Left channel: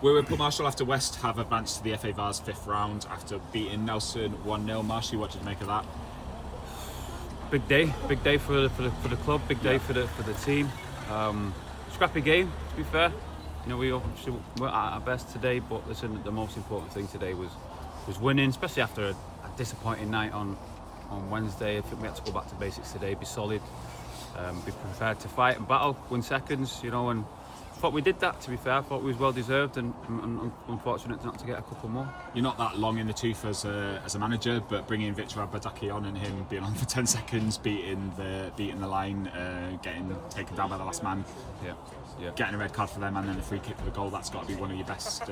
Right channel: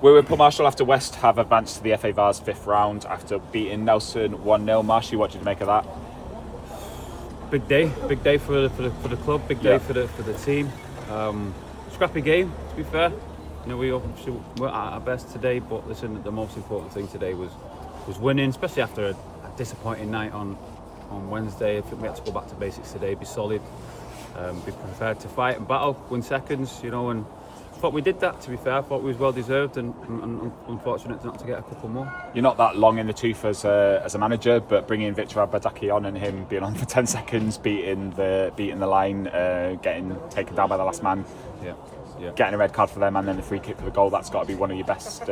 We're with Paul Marshall after West have advanced to the FA Vase 5th round after beating Nelson 1-0. Marshall, what did you make of that? Big day for the club, big day for the team. Scrappy game, to be fair. You know, we obviously weren't at our best today, but listen, the most important thing today was winning, especially after a disappointing night on Wednesday. I think we had to go back to basics today, be solid, be prepared to fight and battle, win seconds, you know, and I thought we did that, to be fair. I thought we was well deserved and unfortunate not to get a couple more. You're not that long in the tooth as a manager, but bringing Victor Abadaki on and him being on for 10 seconds, beating the line, getting taken down by the last man, getting a red card for them and then the free kick for the goal, that's got to be one of your best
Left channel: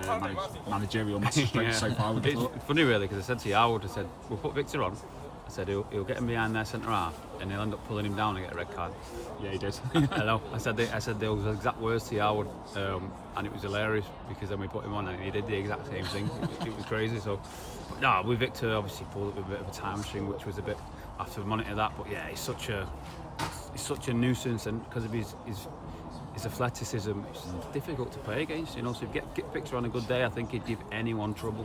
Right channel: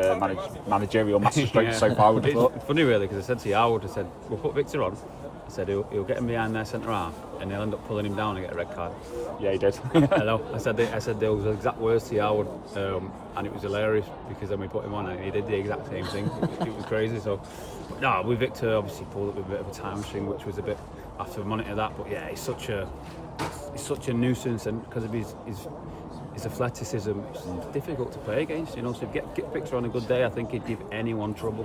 managerial masterstrokes so far, I would have thought. It's funny really, because I said to you, I would have said, we'll put Victor on. I said he'll get him behind their centre half and he'll end up pulling him down and get a red card. Yeah, he did. I know. I said those exact words to Howard, and it was hilarious because then we put him on and he did the exact same thing. It was crazy. So, but no, with Victor obviously pulled up with a bit of a time string, which was a bit after monitor that. But yeah, he's such a nuisance, and because of his athleticism, it's difficult to play against. You know, so if you get Victor on a good day, I think he'd give anyone trouble.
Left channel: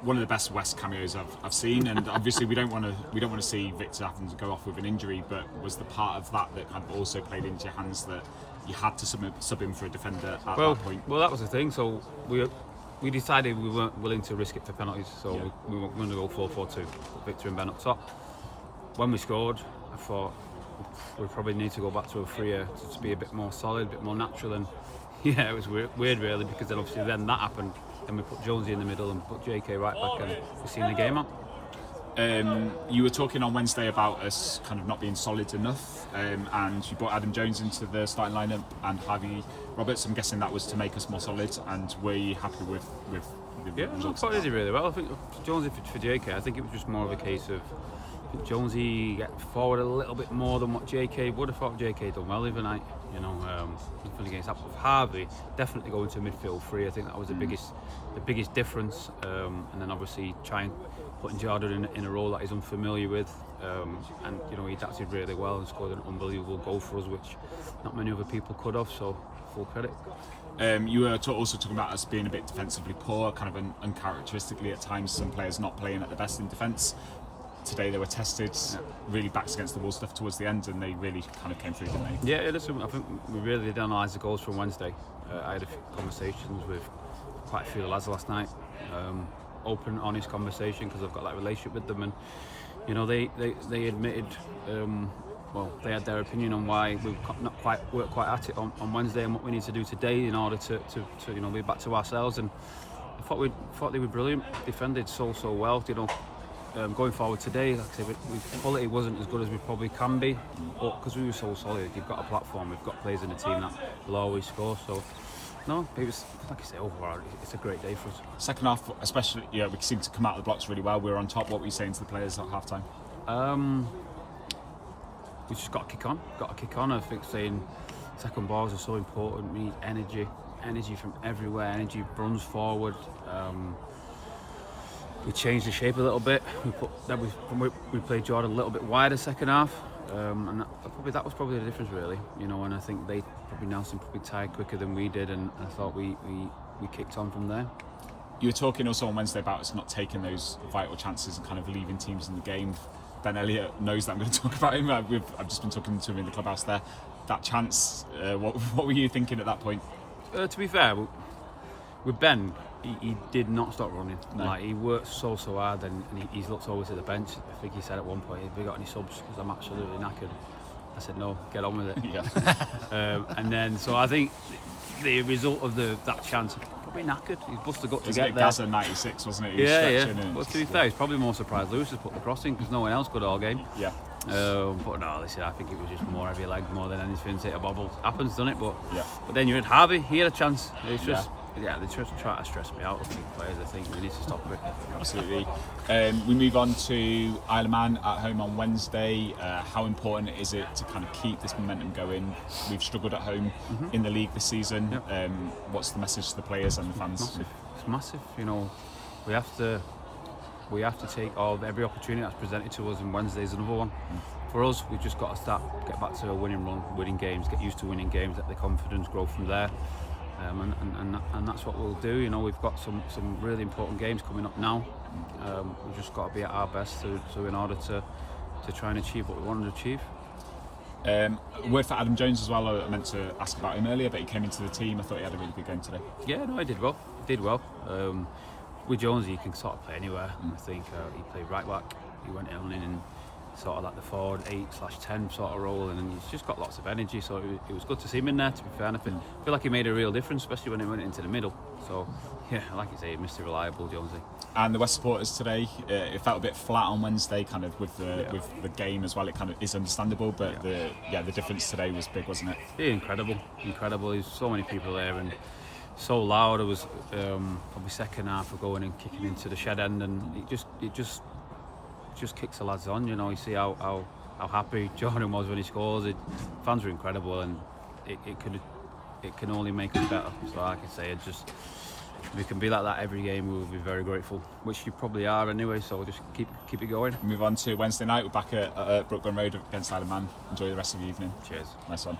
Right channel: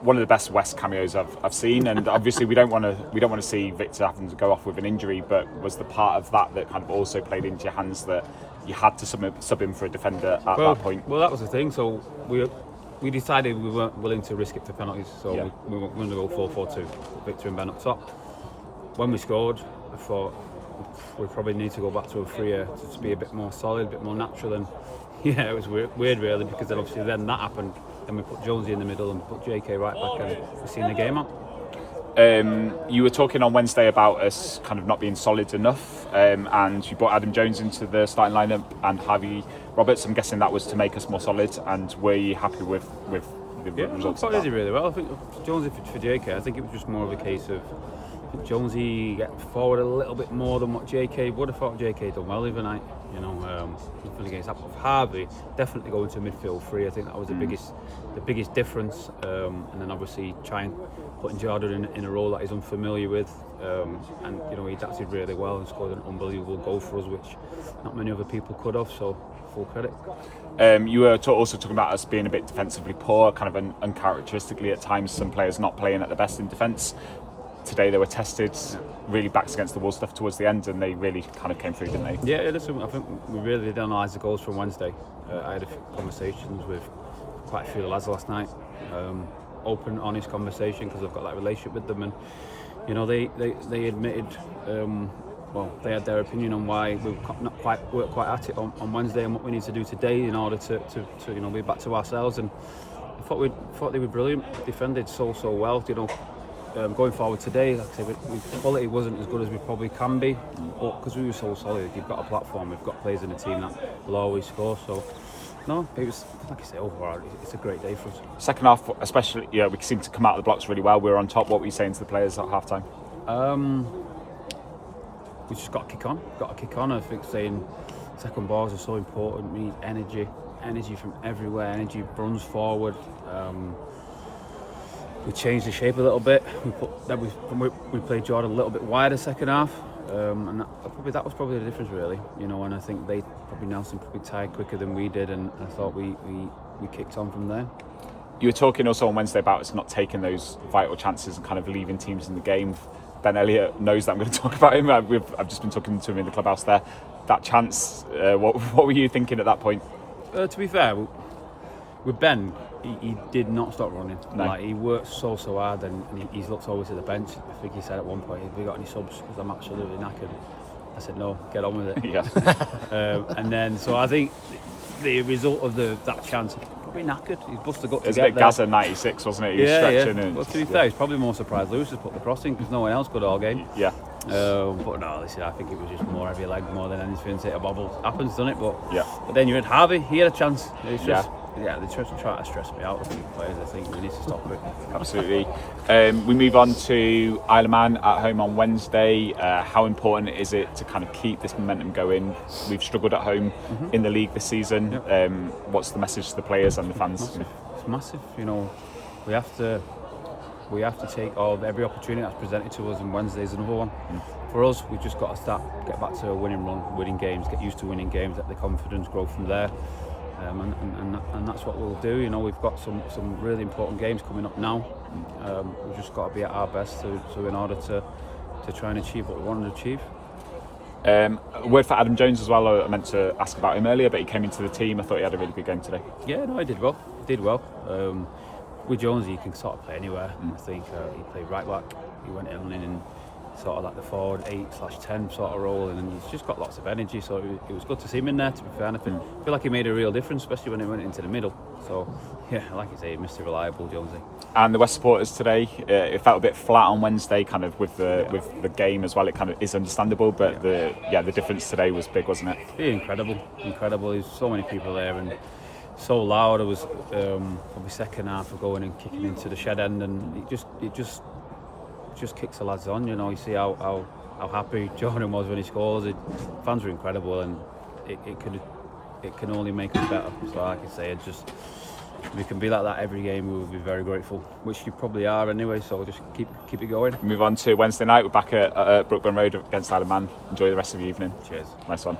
One of the best West cameos I've seen, and obviously we don't want to see Victor having to go off with an injury, but was the part of that kind of also played into your hands that you had to sub him for a defender at that point? Well, that was the thing. So we decided we weren't willing to risk it for penalties, so we were going to go 4-4-2, put Victor and Ben up top. When we scored, I thought we probably need to go back to a freer to be a bit more solid, a bit more natural, and yeah, it was weird really, because then obviously then that happened. Then we put Jonesy in the middle and put JK right back, and we're seeing the game out. You were talking on Wednesday about us kind of not being solid enough, and you brought Adam Jones into the starting lineup and Harvey Roberts. I'm guessing that was to make us more solid. And were you happy with the results? Yeah, I thought he did really well. I think Jonesy for JK, I think it was just more of a case of Jonesy get forward a little bit more than what JK would. I thought JK done well the night. You know, against that of Harvey, definitely going to midfield free. I think that was the biggest difference. And then obviously trying putting Jordan in a role that he's unfamiliar with. And you know, he adapted really well and scored an unbelievable goal for us, which not many other people could have. So full credit. You were also talking about us being a bit defensively poor, kind of uncharacteristically at times. Some players not playing at the best in defence. Today they were tested, really backs against the wall stuff towards the end, and they really kind of came through, didn't they? Yeah, listen, I think we really did analyse the goals from Wednesday. I had a few conversations with quite a few of the lads last night, open, honest conversation, because I've got that relationship with them, and you know they admitted, they had their opinion on why we've not quite worked quite at it on Wednesday, and what we need to do today in order to you know be back to ourselves. And I thought they were brilliant, defended so well, you know. Going forward today, like I said, quality wasn't as good as we probably can be, but because we were so solid, you've got a platform, we've got players in the team that will always score. So, no, it was, like I say, overall, it's a great day for us. Second half, especially, we seemed to come out of the blocks really well. We were on top. What were you saying to the players at half time? We just got to kick on. I think saying second balls are so important. We need energy from everywhere. Energy runs forward. We changed the shape a little bit. We played Jordan a little bit wider second half, and that was probably the difference really. You know, and I think Nelson probably tired quicker than we did, and I thought we kicked on from there. You were talking also on Wednesday about us not taking those vital chances and kind of leaving teams in the game. Ben Elliott knows that I'm going to talk about him. I've just been talking to him in the clubhouse there. That chance, what were you thinking at that point? To be fair, with Ben, he did not stop running. No. Like, he worked so hard, and he's looked over to the bench. I think he said at one point, "Have we got any subs? Because I'm absolutely knackered." I said, "No, get on with it." Yeah. And then, so I think the result of that chance, probably knackered. He's busted gut to get there. Gaza 96, wasn't it? He was stretching. And, well, to be fair, he's probably more surprised Lewis has put the cross in because no one else could all game. Yeah. But no, listen, I think it was just more heavy leg more than anything. Hit a bobble. Happens, doesn't it? But then you had Harvey. He had a chance. It's just. Yeah, they try to stress me out, the players. I think we need to stop it. Absolutely. We move on to Isle of Man at home on Wednesday. How important is it to kind of keep this momentum going? We've struggled at home in the league this season. Yep. What's the message to the players and the fans? It's massive. You know, we have to take every opportunity that's presented to us, and Wednesday's another one. For us, we've just got to get back to a winning run, winning games, get used to winning games, let the confidence grow from there. and that's what we'll do. You know, we've got some really important games coming up now. We've just got to be at our best to in order to try and achieve what we want to achieve. A word for Adam Jones as well. I meant to ask about him earlier, but he came into the team. I thought he had a really good game today. Yeah, no, he did well. With Jonesy, he can sort of play anywhere. I think he played right back. He went in sort of like the forward 8/10 sort of role, and he's just got lots of energy. So it was good to see him in there. To be fair, and I feel like he made a real difference, especially when he went into the middle. So yeah, like you say, Mr. Reliable Jonesy. And the West supporters today, it felt a bit flat on Wednesday, kind of with the game as well. It kind of is understandable, but the difference today was big, wasn't it? Yeah, incredible. There's so many people there and so loud. It was probably second half of going and kicking into the shed end, and it just kicks the lads on. You know, you see how happy Jordan was when he scores. Fans were incredible, and it can only make us better. So like I say, if we can be like that every game, we will be very grateful, which you probably are anyway. So just keep it going. Move on to Wednesday night. We're back at Brookburn Road against Isle of Man. Enjoy the rest of the evening. Cheers. Nice one.